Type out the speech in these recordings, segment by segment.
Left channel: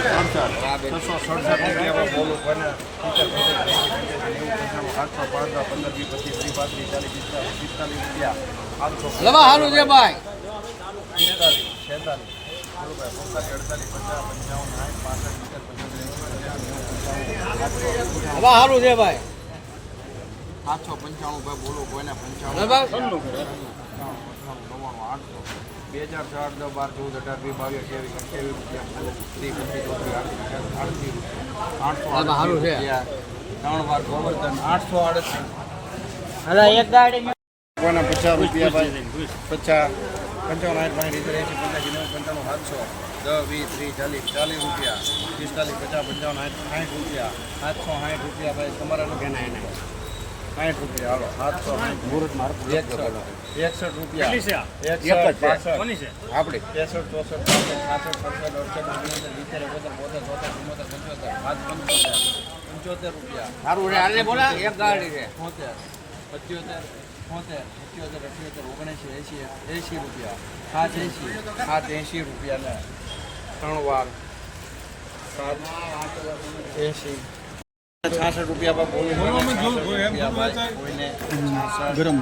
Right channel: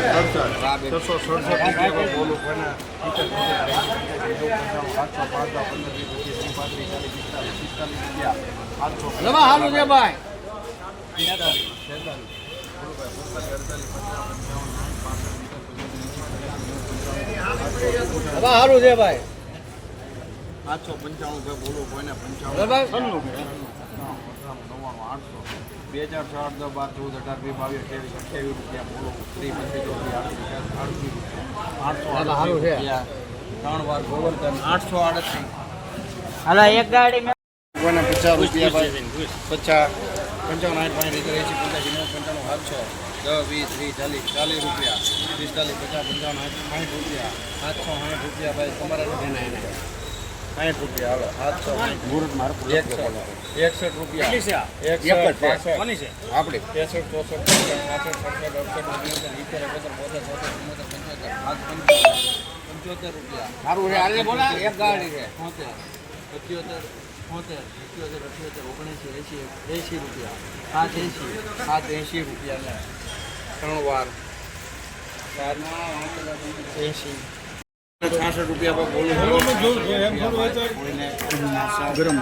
છસો સડસઠ રૂપિયા બોલું પંચાણું સાતસો પાંચ પંદર વીસ પચીસ ત્રીસ પાંત્રીસ ચાલીસ પિસ્તાલીસ પિસ્તાલીસ રૂપિયા આઠસો ભાઈ પિસ્તાલીસ છેતાલીસ ભાઈ સાતસો પંચાણું ભાઈ. બોલો કોઈને પંચાણું. સત્તાણું, અઠ્ઠાણું, નવ્વાણું, આઠસો બે હજાર ચાર દસ બાર ચૌદ અઢાર વીસ બાવીસ અઠ્યાવીસ અઠ્યાવીસ રૂપિયા બોલો ત્રીસ પચીસ ચોત્રીસ આઠસો આડત્રીસ રૂપિયા આઠસો આડત્રીસ છે. રૂપિયા ત્રણ વાર ગોવર્ધન આઠસો આડત્રીસ હાલો એક ગાડી કોઈને પચાસ રૂપિયા ભાઈ પચાસ. પંચાવન આઠ પાંચ રીતે એસી પંચ્યાસી નેવું પંચાણું સાતસો. દસ વીસ ત્રીસ ચાલીસ ચાલીસ રૂપિયા. પિસ્તાલીસ પચાસ પંચાવન આઠ સાઠ રૂપિયા. સાતસો સાઠ રૂપિયા ભાઈ તમારા સાઠ રૂપિયા હાલો. સાતસો સાઠ. એકસો એકસઠ. રૂપિયા. આપડી ત્રેસઠ ચોસઠ પાંસઠ સડસઠ અડસઠ ઓગણસઠ સિત્તેર એકોતેર બોતેર ચુમ્મોતેર પંચોતેર. રૂપિયા. છે. હાલે બોલા એક ગાડી છે. છોતેર પંચોતેર છોતેર સત્યોતેર અઠ્યોતેર ઓગણએંસી એંસી એંસી રૂપિયા. સાત એંસી સાત એંસી રૂપિયા ને ત્રણ વાર. સાત એંસી છાસઠ રૂપિયા પર બોલું ગરમ.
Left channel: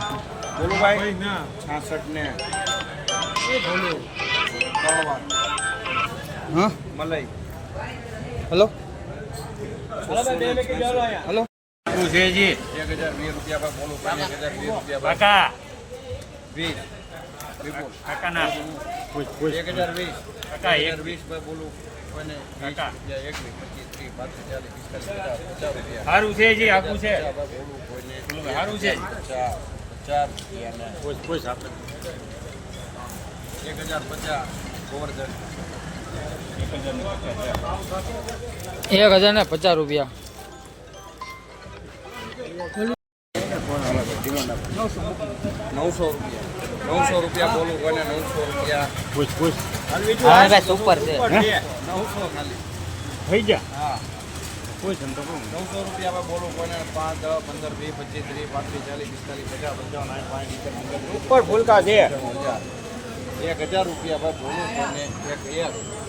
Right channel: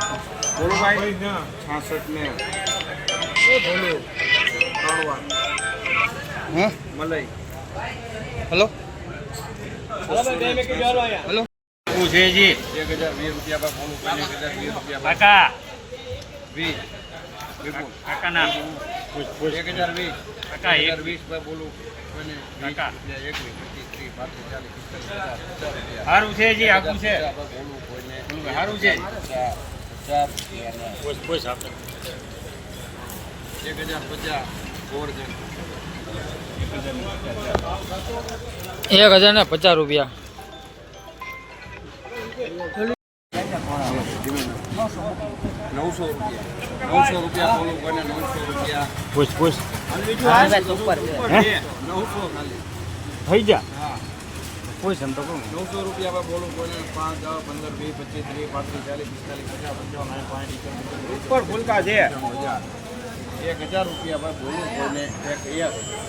બોલો ભાઈ છાસઠ ને. બોલું. ત્રણ વાર. મલાઈ. હેલો? શું છે જી? એક હજાર વીસ રૂપિયા પર બોલું એક હજાર વીસ રૂપિયા વીસ. વિપુલ. એક હજાર વીસ. એક. હજાર વીસ પર બોલું સારું છે જી આખું છે. સારું છે? એક હજાર પચાસ ગોવર્ધન એક હજાર ને પચાસ રૂપિયા. નવસો રૂપિયા. નવસો રૂપિયા બોલું કોઈને નવસો રૂપિયા. સુપર છે. નવસો ખાલી. થઈ જા હા. કોઈ સંતો નવસો રૂપિયા પર બોલું કોને પાંચ પંદર વીસ પચીસ ત્રીસ પાંત્રીસ ચાલીસ પિસ્તાલીસ પચાસ પંચાવન સાઠ પાંચ ઉપર ફૂલકા છે. એક હજાર રૂપિયા પર બોલું કોને એક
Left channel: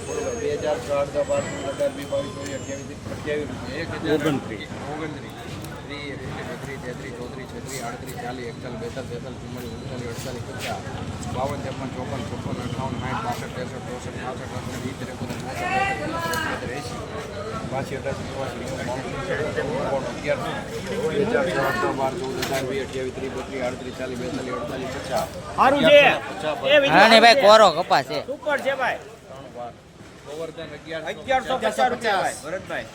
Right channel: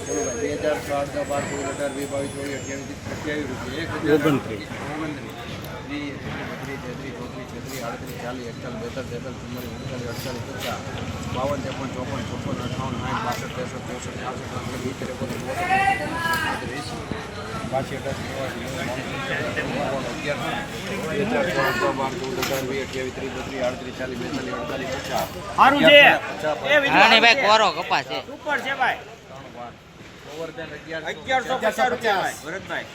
બોલો ભાઈ બે હજાર ચાર દસ બાર ચૌદ અઢાર વીસ બાવીસ ચોવીસ અઠ્યાવીસ અઠ્યાવીસ રૂપિયા. એક હજાર. ઓગણત્રીસ. ઓગણત્રીસ. ત્રીસ તેત્રીસ ચોત્રીસ છત્રીસ આડત્રીસ ચાલીસ એકતાલીસ બેતાલીસ તેતાલીસ ચુમ્માલીસ ઉનચાલીસ અડતાલીસ પચાસ બાવન ત્રેપન ચોપન ચોપન અઠાવન સાઠ બાસઠ ત્રેસઠ ચોસઠ પાસઠ વીસ બોતેર બોતેર એંસી પાછી અઢાર કોરો કપા છે. ઉપર છે ભાઈ. ત્રણ અગિયારસો પચાસ. પચાસ. ભરતભાઈ.